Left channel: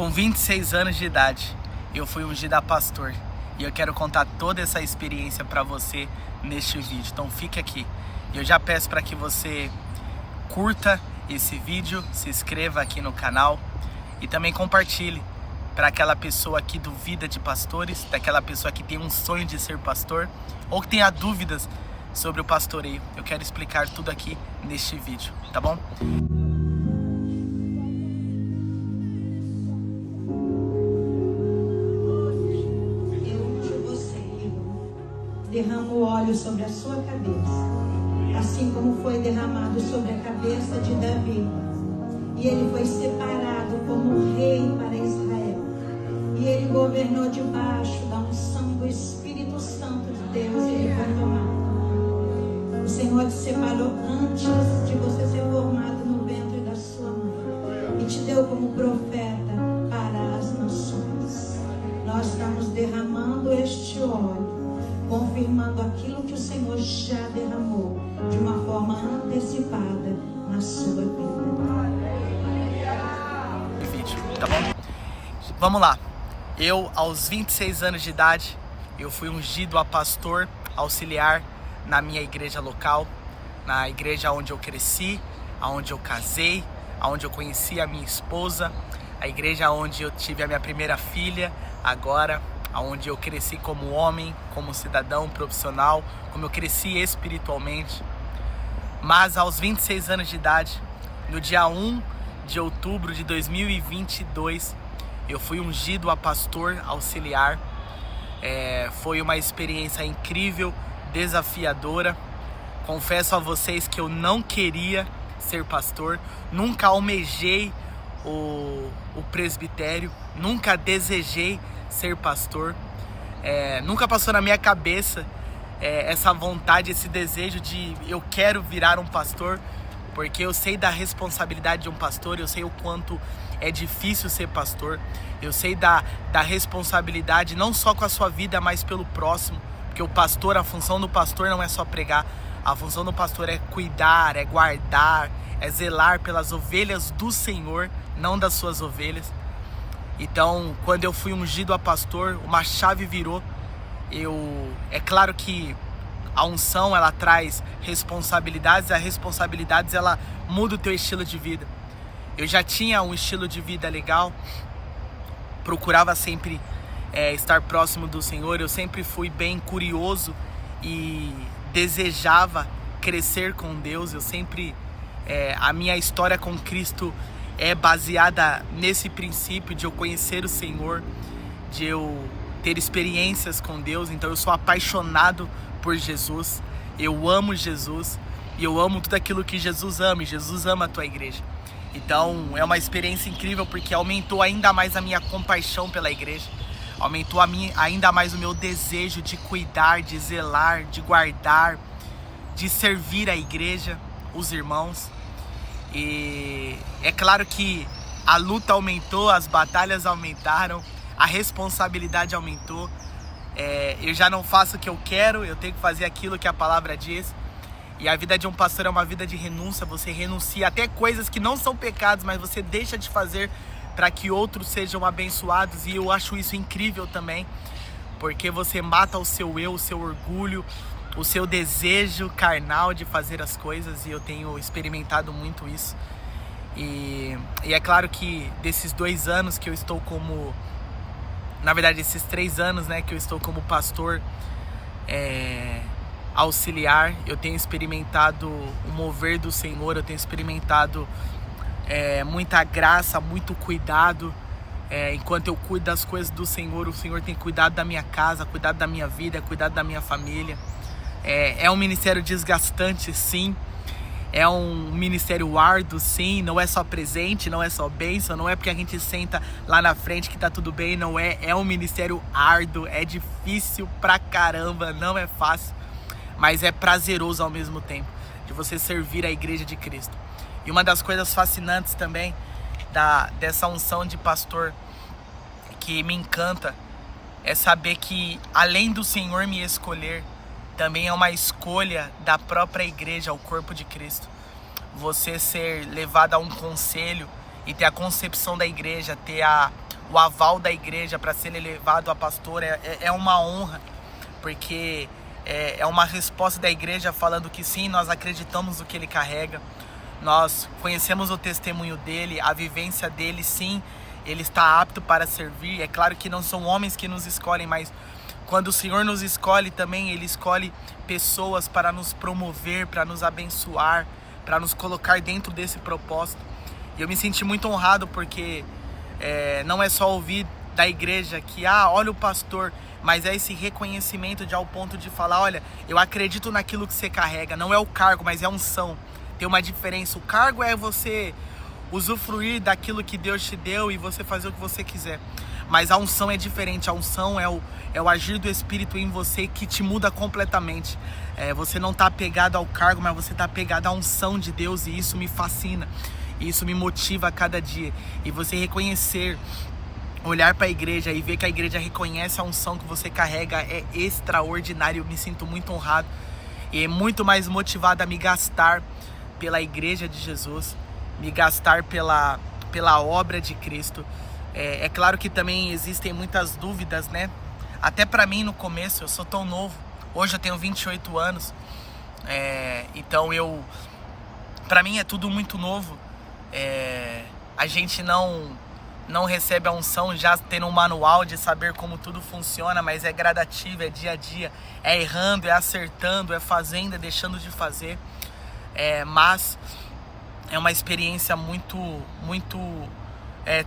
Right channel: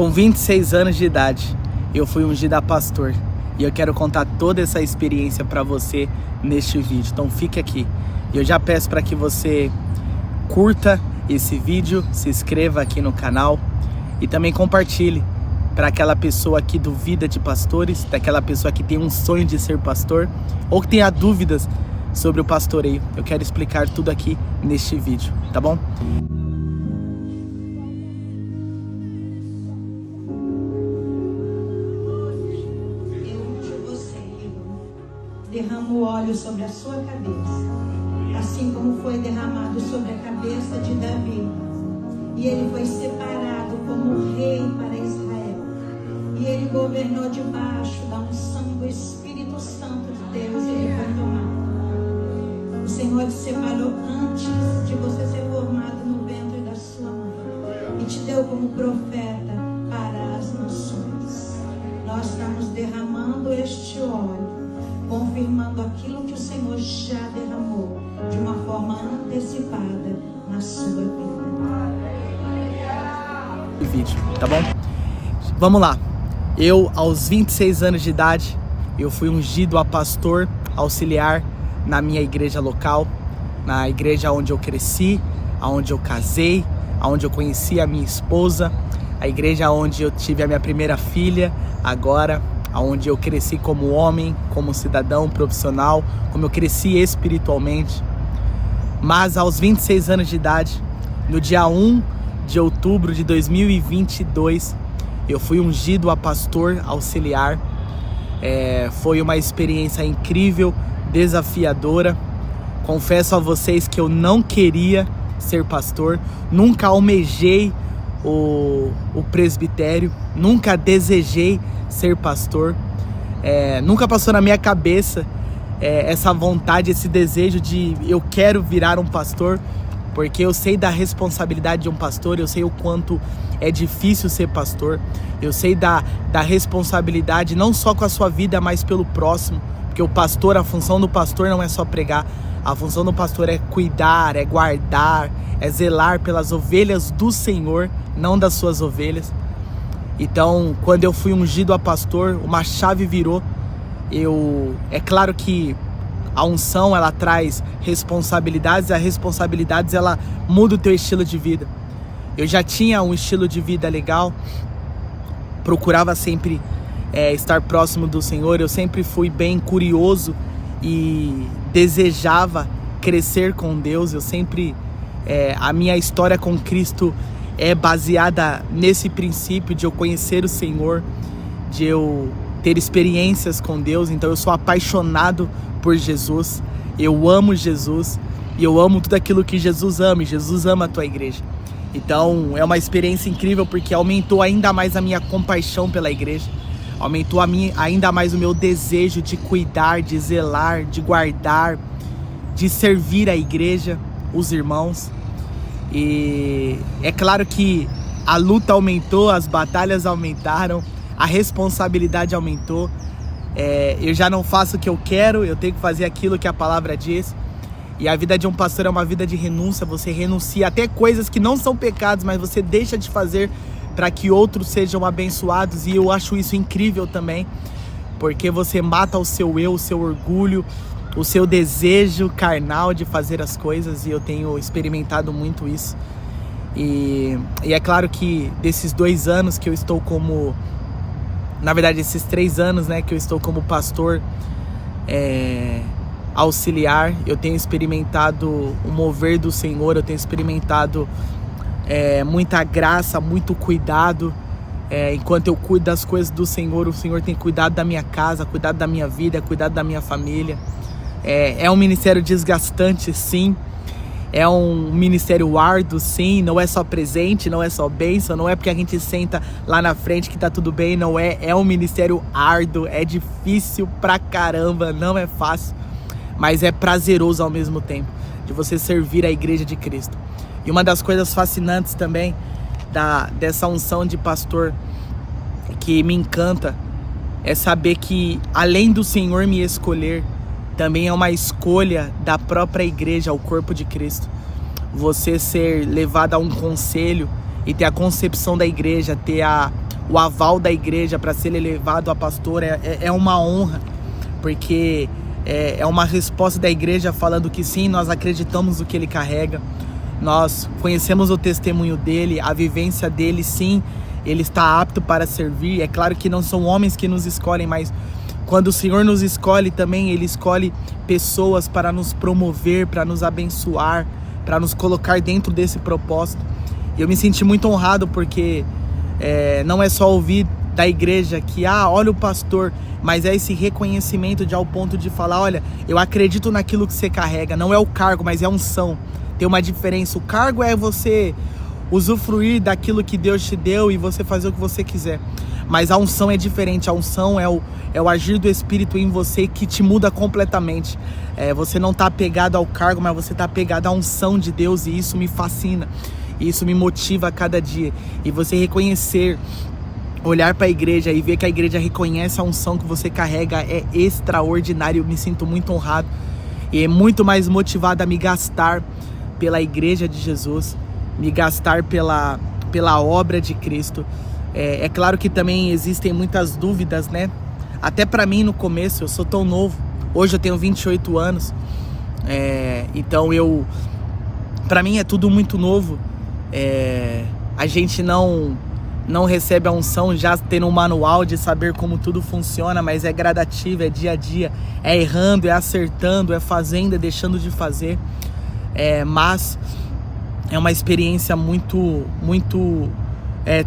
Com 26 anos de idade, eu fui ungido a pastor. E eu quero contar toda essa experiência para você neste vídeo. Então fique aqui. E eu já peço para que você curta esse vídeo, se inscreva aqui no canal e também compartilhe para aquela pessoa que duvida de pastores, daquela pessoa que tem um sonho de ser pastor ou que tenha dúvidas sobre o pastoreio. Eu quero explicar tudo aqui neste vídeo, tá bom? Derrama o óleo sobre a sua cabeça, assim como foi derramado sobre a cabeça de Davi. E ele foi separado como rei para Israel. E ele governou debaixo da unção do Espírito Santo de Deus. E ele foi tomado. O Senhor te separou antes de você ser formado no ventre da sua mãe. E te deu como profeta para as nações. Nós estamos derramando este óleo, confirmando aquilo que o Senhor já derramou de uma forma antecipada na sua vida. Vídeo, tá bom? Vamos lá. Eu, aos 26 anos de idade, eu fui ungido a pastor auxiliar na minha igreja local, na igreja onde eu cresci, onde eu casei, onde eu conheci a minha esposa, a igreja onde eu tive a minha primeira filha, agora onde eu cresci como homem, como cidadão profissional, como eu cresci espiritualmente. Mas aos 26 anos de idade, no dia 1 de outubro de 2022, eu fui ungido a pastor auxiliar. Foi uma experiência incrível, desafiadora. Confesso a vocês que eu não queria ser pastor, nunca almejei o presbitério, nunca desejei ser pastor, nunca passou na minha cabeça essa vontade, esse desejo de eu quero virar um pastor, porque eu sei da responsabilidade de um pastor, eu sei o quanto é difícil ser pastor, eu sei da responsabilidade não só com a sua vida, mas pelo próximo, porque o pastor, a função do pastor não é só pregar, a função do pastor é cuidar, é guardar, é zelar pelas ovelhas do Senhor, não das suas ovelhas. Então, quando eu fui ungido a pastor, uma chave virou. É claro que a unção, ela traz responsabilidades, as responsabilidades, ela muda o teu estilo de vida. Eu já tinha um estilo de vida legal, procurava sempre estar próximo do Senhor, eu sempre fui bem curioso e desejava crescer com Deus, eu sempre, a minha história com Cristo é baseada nesse princípio de eu conhecer o Senhor, de eu ter experiências com Deus. Então eu sou apaixonado por Jesus, eu amo Jesus e eu amo tudo aquilo que Jesus ama, e Jesus ama a tua igreja. Então é uma experiência incrível, porque aumentou ainda mais a minha compaixão pela igreja, aumentou ainda mais o meu desejo de cuidar, de zelar, de guardar, de servir a igreja, os irmãos. E é claro que a luta aumentou, as batalhas aumentaram, a responsabilidade aumentou. Eu já não faço o que eu quero, eu tenho que fazer aquilo que a palavra diz. E a vida de um pastor é uma vida de renúncia, você renuncia até coisas que não são pecados, mas você deixa de fazer para que outros sejam abençoados. E eu acho isso incrível também, porque você mata o seu eu, o seu orgulho, o seu desejo carnal de fazer as coisas, e eu tenho experimentado muito isso. E é claro que desses 2 anos que eu estou como... Na verdade, esses 3 anos, né, que eu estou como pastor auxiliar, eu tenho experimentado o mover do Senhor, eu tenho experimentado muita graça, muito cuidado. Enquanto eu cuido das coisas do Senhor, o Senhor tem cuidado da minha casa, cuidado da minha vida, cuidado da minha família. É um ministério desgastante, sim. É um ministério árduo, sim. Não é só presente, não é só bênção, não é porque a gente senta lá na frente que tá tudo bem, não é. É um ministério árduo, é difícil pra caramba, não é fácil, mas é prazeroso ao mesmo tempo, de você servir a igreja de Cristo. E uma das coisas fascinantes também dessa unção de pastor que me encanta é saber que, além do Senhor me escolher, também é uma escolha da própria igreja, o corpo de Cristo. Você ser levado a um conselho e ter a concepção da igreja, ter o aval da igreja para ser elevado a pastor é uma honra, porque é uma resposta da igreja falando que sim, nós acreditamos no que ele carrega, nós conhecemos o testemunho dele, a vivência dele, sim, ele está apto para servir. É claro que não são homens que nos escolhem, mas quando o Senhor nos escolhe também, Ele escolhe pessoas para nos promover, para nos abençoar, para nos colocar dentro desse propósito. E eu me senti muito honrado porque não é só ouvir da igreja que, olha o pastor, mas é esse reconhecimento de ao ponto de falar, olha, eu acredito naquilo que você carrega. Não é o cargo, mas é a unção. Tem uma diferença. O cargo é você usufruir daquilo que Deus te deu e você fazer o que você quiser. Mas a unção é diferente. A unção é o agir do Espírito em você que te muda completamente. Você não está apegado ao cargo, mas você está apegado à unção de Deus, e isso me fascina. Isso me motiva a cada dia. E você reconhecer, olhar para a igreja e ver que a igreja reconhece a unção que você carrega é extraordinário. Eu me sinto muito honrado e é muito mais motivado a me gastar pela igreja de Jesus, me gastar pela obra de Cristo. É claro que também existem muitas dúvidas, né? Até para mim no começo, eu sou tão novo. Hoje eu tenho 28 anos. Então para mim é tudo muito novo. A gente não recebe a unção já tendo um manual de saber como tudo funciona, mas é gradativo, é dia a dia, é errando, é acertando, é fazendo, é deixando de fazer. Mas é uma experiência muito, muito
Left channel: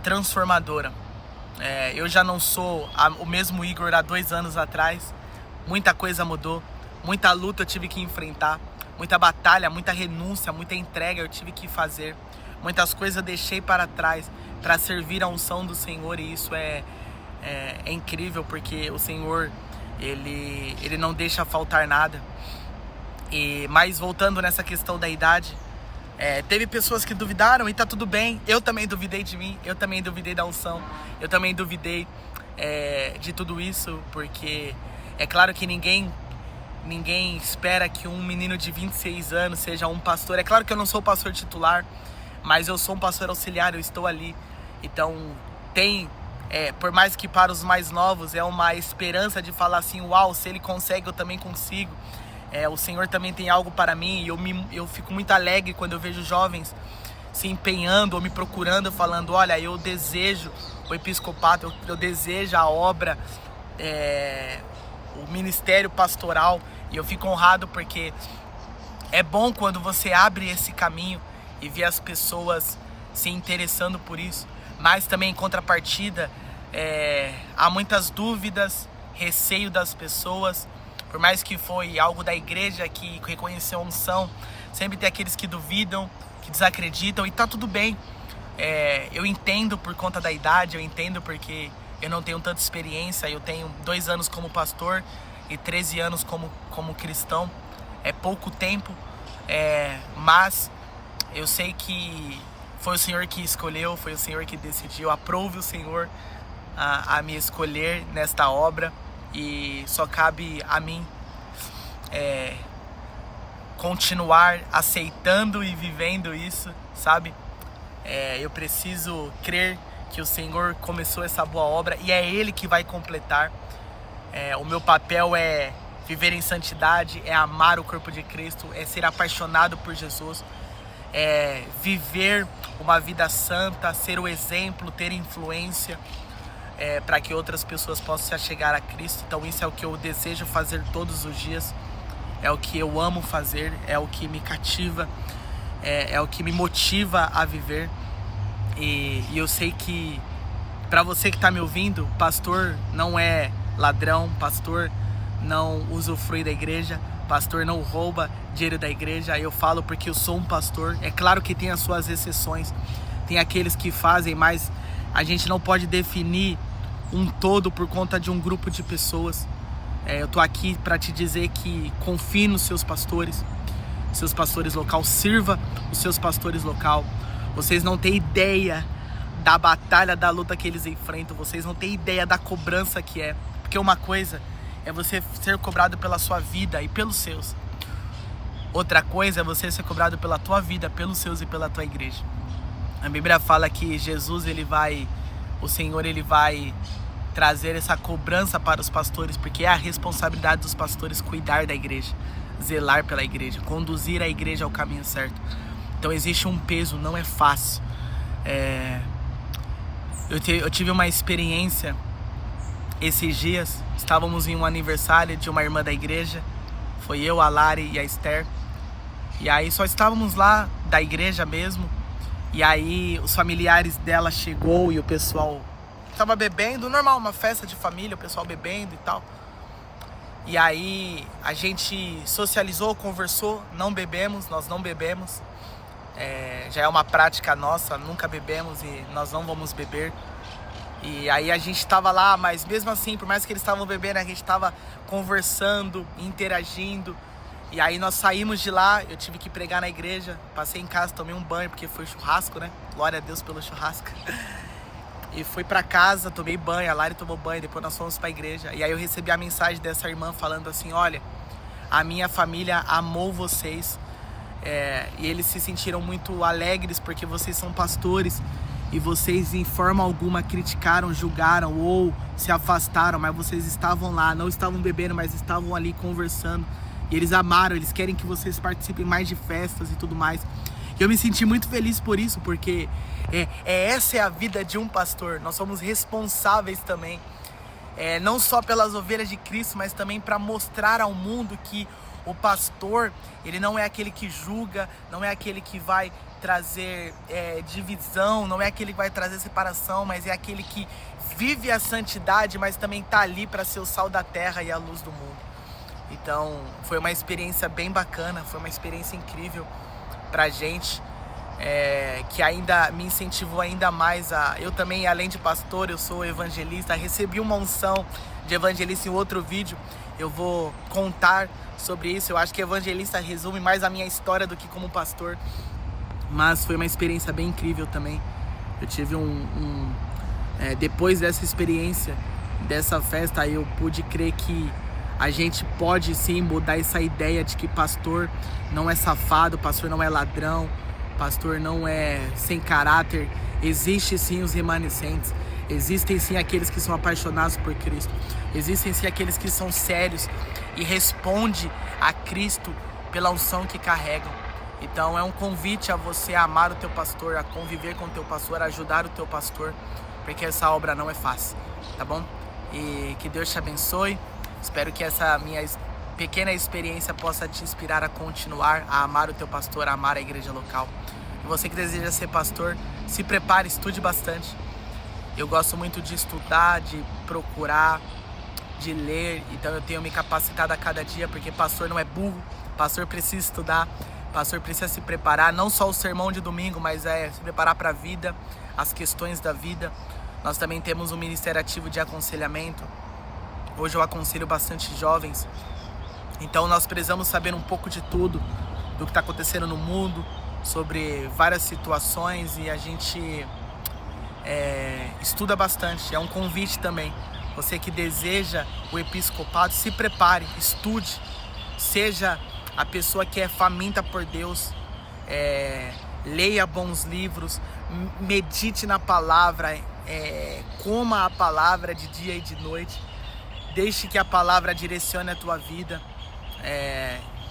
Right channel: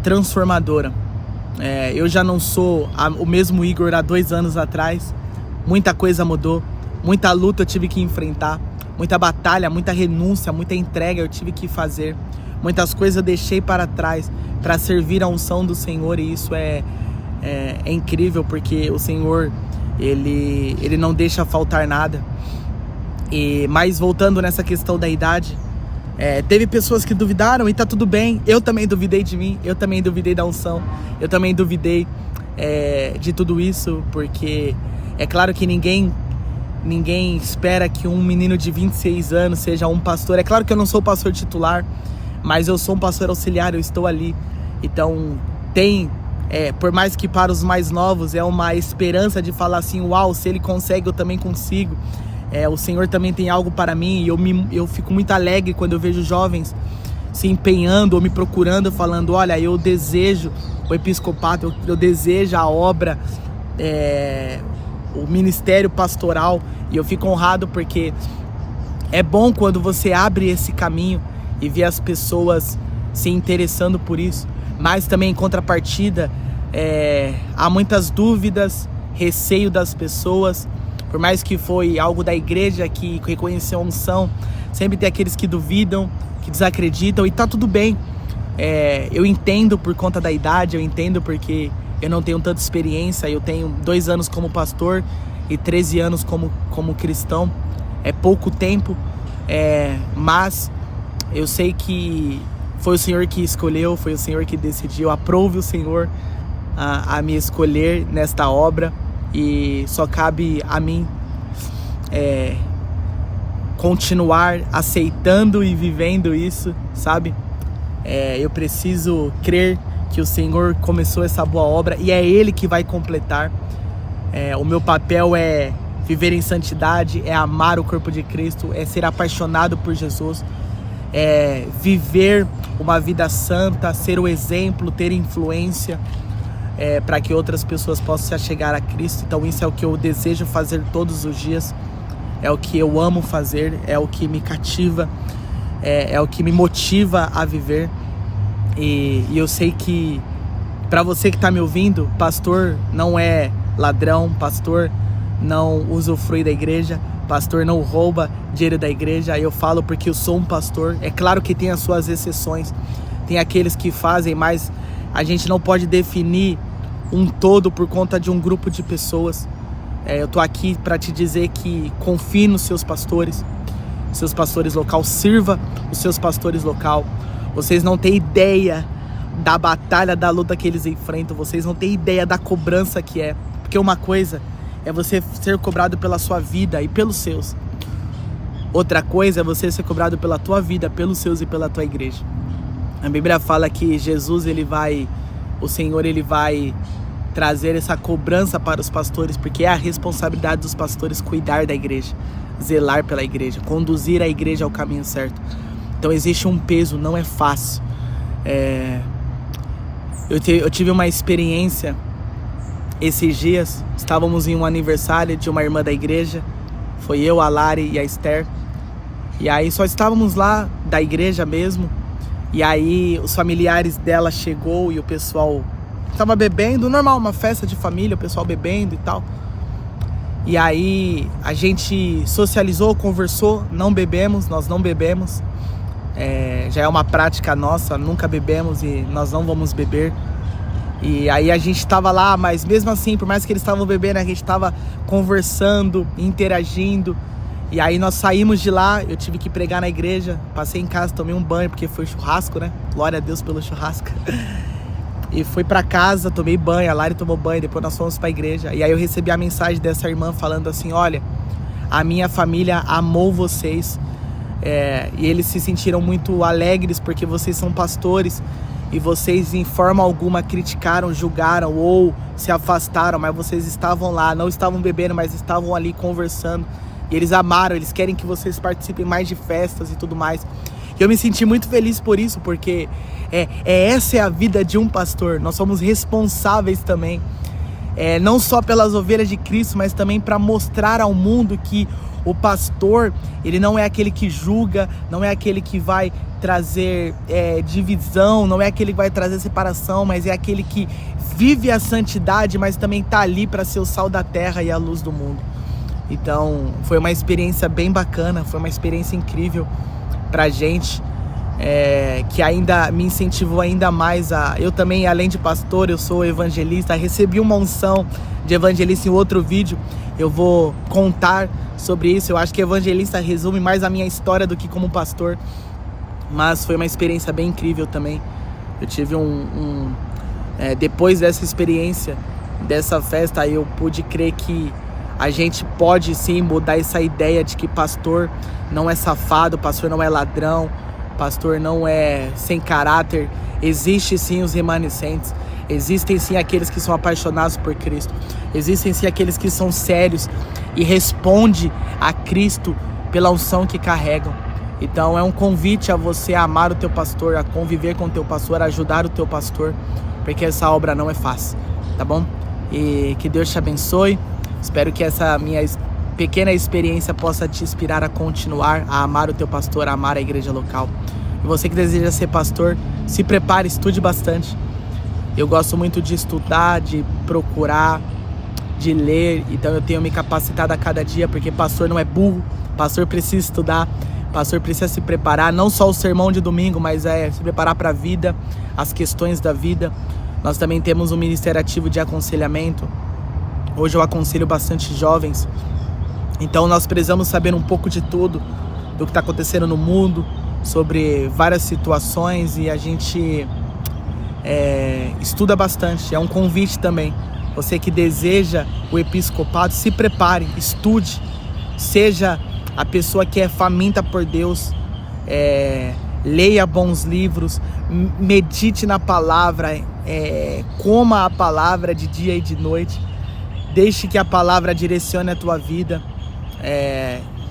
transformadora. Eu já não sou o mesmo Igor há 2 anos atrás. Muita coisa mudou, muita luta eu tive que enfrentar, muita batalha, muita renúncia, muita entrega eu tive que fazer. Muitas coisas eu deixei para trás para servir a unção do Senhor, e isso é incrível, porque o Senhor ele não deixa faltar nada. Mas voltando nessa questão da idade, teve pessoas que duvidaram e tá tudo bem. Eu também duvidei de mim, eu também duvidei da unção, eu também duvidei de tudo isso, porque é claro que ninguém espera que um menino de 26 anos seja um pastor. É claro que eu não sou pastor titular, mas eu sou um pastor auxiliar, eu estou ali. Então por mais que para os mais novos é uma esperança de falar assim, uau, se ele consegue eu também consigo. O Senhor também tem algo para mim, e eu fico muito alegre quando eu vejo jovens se empenhando ou me procurando, falando, olha, eu desejo o episcopato, eu desejo a obra, o ministério pastoral, e eu fico honrado porque é bom quando você abre esse caminho e vê as pessoas se interessando por isso. Mas também em contrapartida, há muitas dúvidas, receio das pessoas. Por mais que foi algo da igreja que reconheceu a unção, sempre tem aqueles que duvidam, que desacreditam, e tá tudo bem. Eu entendo por conta da idade, eu entendo porque eu não tenho tanta experiência. Eu tenho 2 anos como pastor e 13 anos como cristão. É pouco tempo, mas eu sei que foi o Senhor que escolheu, foi o Senhor que decidiu. Aprove o Senhor a me escolher nesta obra. E só cabe a mim continuar aceitando e vivendo isso, sabe? Eu preciso crer que o Senhor começou essa boa obra e é Ele que vai completar. O meu papel é viver em santidade, é amar o corpo de Cristo, é ser apaixonado por Jesus, é viver uma vida santa, ser o exemplo, ter influência, para que outras pessoas possam se achegar a Cristo. Então isso é o que eu desejo fazer todos os dias, é o que eu amo fazer, é o que me cativa, é o que me motiva a viver. E eu sei que para você que está me ouvindo, pastor não é ladrão, pastor não usufrui da igreja, pastor não rouba dinheiro da igreja. Eu falo porque eu sou um pastor. É claro que tem as suas exceções, tem aqueles que fazem, mas a gente não pode definir um todo por conta de um grupo de pessoas. Eu tô aqui para te dizer que confie nos seus pastores local, sirva os seus pastores local. Vocês não têm ideia da batalha, da luta que eles enfrentam. Vocês não têm ideia da cobrança que é. Porque uma coisa é você ser cobrado pela sua vida e pelos seus. Outra coisa é você ser cobrado pela tua vida, pelos seus e pela tua igreja. A Bíblia fala que Jesus ele vai o Senhor ele vai trazer essa cobrança para os pastores, porque é a responsabilidade dos pastores cuidar da igreja, zelar pela igreja, conduzir a igreja ao caminho certo. Então existe um peso, não é fácil. Eu tive uma experiência esses dias. Estávamos em um aniversário de uma irmã da igreja, foi eu, a Lari e a Esther, e aí só estávamos lá da igreja mesmo, e aí os familiares dela chegou e o pessoal estava bebendo, normal, uma festa de família, o pessoal bebendo e tal. E aí a gente socializou, conversou, nós não bebemos. Já é uma prática nossa, nunca bebemos e nós não vamos beber. E aí a gente estava lá, mas mesmo assim, por mais que eles estavam bebendo, a gente estava conversando, interagindo. E aí nós saímos de lá, eu tive que pregar na igreja, passei em casa, tomei um banho, porque foi churrasco, né? Glória a Deus pelo churrasco. E fui pra casa, tomei banho, a Lari tomou banho, depois nós fomos pra igreja. E aí eu recebi a mensagem dessa irmã falando assim: olha, a minha família amou vocês, e eles se sentiram muito alegres porque vocês são pastores e vocês em forma alguma criticaram, julgaram ou se afastaram, mas vocês estavam lá, não estavam bebendo, mas estavam ali conversando. E eles amaram, eles querem que vocês participem mais de festas e tudo mais. E eu me senti muito feliz por isso, porque essa é a vida de um pastor. Nós somos responsáveis também, não só pelas ovelhas de Cristo, mas também para mostrar ao mundo que o pastor, ele não é aquele que julga, não é aquele que vai trazer divisão, não é aquele que vai trazer separação, mas é aquele que vive a santidade, mas também está ali para ser o sal da terra e a luz do mundo. Então foi uma experiência bem bacana, foi uma experiência incrível pra gente, que ainda me incentivou ainda mais eu também, além de pastor, eu sou evangelista, recebi uma unção de evangelista em outro vídeo, eu vou contar sobre isso. Eu acho que evangelista resume mais a minha história do que como pastor, mas foi uma experiência bem incrível também. Eu tive depois dessa experiência, dessa festa, eu pude crer que a gente pode sim mudar essa ideia de que pastor não é safado, pastor não é ladrão, pastor não é sem caráter. Existe sim os remanescentes, existem sim aqueles que são apaixonados por Cristo, existem sim aqueles que são sérios e respondem a Cristo pela unção que carregam. Então é um convite a você amar o teu pastor, a conviver com o teu pastor, a ajudar o teu pastor, porque essa obra não é fácil, tá bom? E que Deus te abençoe. Espero que essa minha pequena experiência possa te inspirar a continuar a amar o teu pastor, a amar a igreja local. E você que deseja ser pastor, se prepare, estude bastante. Eu gosto muito de estudar, de procurar, de ler. Então eu tenho me capacitado a cada dia, porque pastor não é burro, pastor precisa estudar, pastor precisa se preparar, não só o sermão de domingo, mas se preparar para a vida, as questões da vida. Nós também temos um ministério ativo de aconselhamento. Hoje eu aconselho bastante jovens, então nós precisamos saber um pouco de tudo, do que está acontecendo no mundo, sobre várias situações, e a gente estuda bastante. É um convite também, você que deseja o episcopado, se prepare, estude, seja a pessoa que é faminta por Deus, leia bons livros, medite na palavra, coma a palavra de dia e de noite. Deixe que a palavra direcione a tua vida.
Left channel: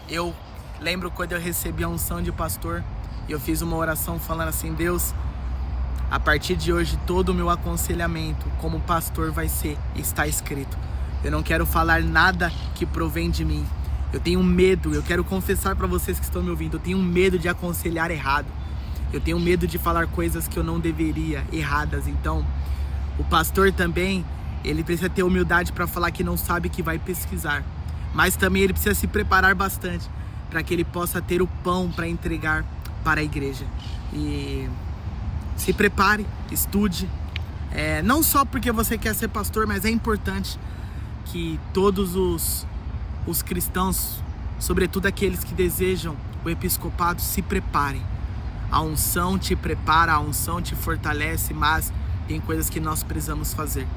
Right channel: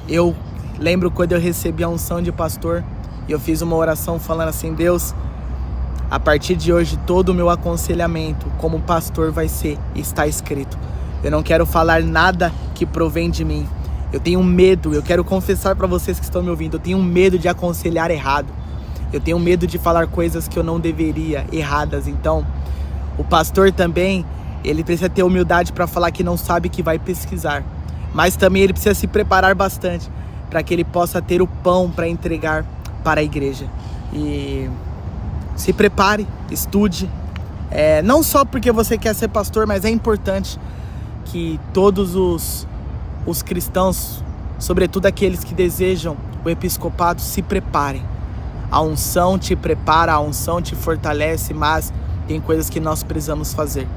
Eu lembro quando eu recebi a unção de pastor, e eu fiz uma oração falando assim: Deus, a partir de hoje todo o meu aconselhamento como pastor vai ser, está escrito. Eu não quero falar nada que provém de mim. Eu tenho medo, eu quero confessar para vocês que estão me ouvindo, eu tenho medo de aconselhar errado. Eu tenho medo de falar coisas que eu não deveria, erradas. Então, o pastor também, ele precisa ter humildade para falar que não sabe, que vai pesquisar. Mas também ele precisa se preparar bastante para que ele possa ter o pão para entregar para a igreja. E se prepare, estude. Não só porque você quer ser pastor, mas é importante que todos os cristãos, sobretudo aqueles que desejam o episcopado, se preparem. A unção te prepara, a unção te fortalece, mas tem coisas que nós precisamos fazer.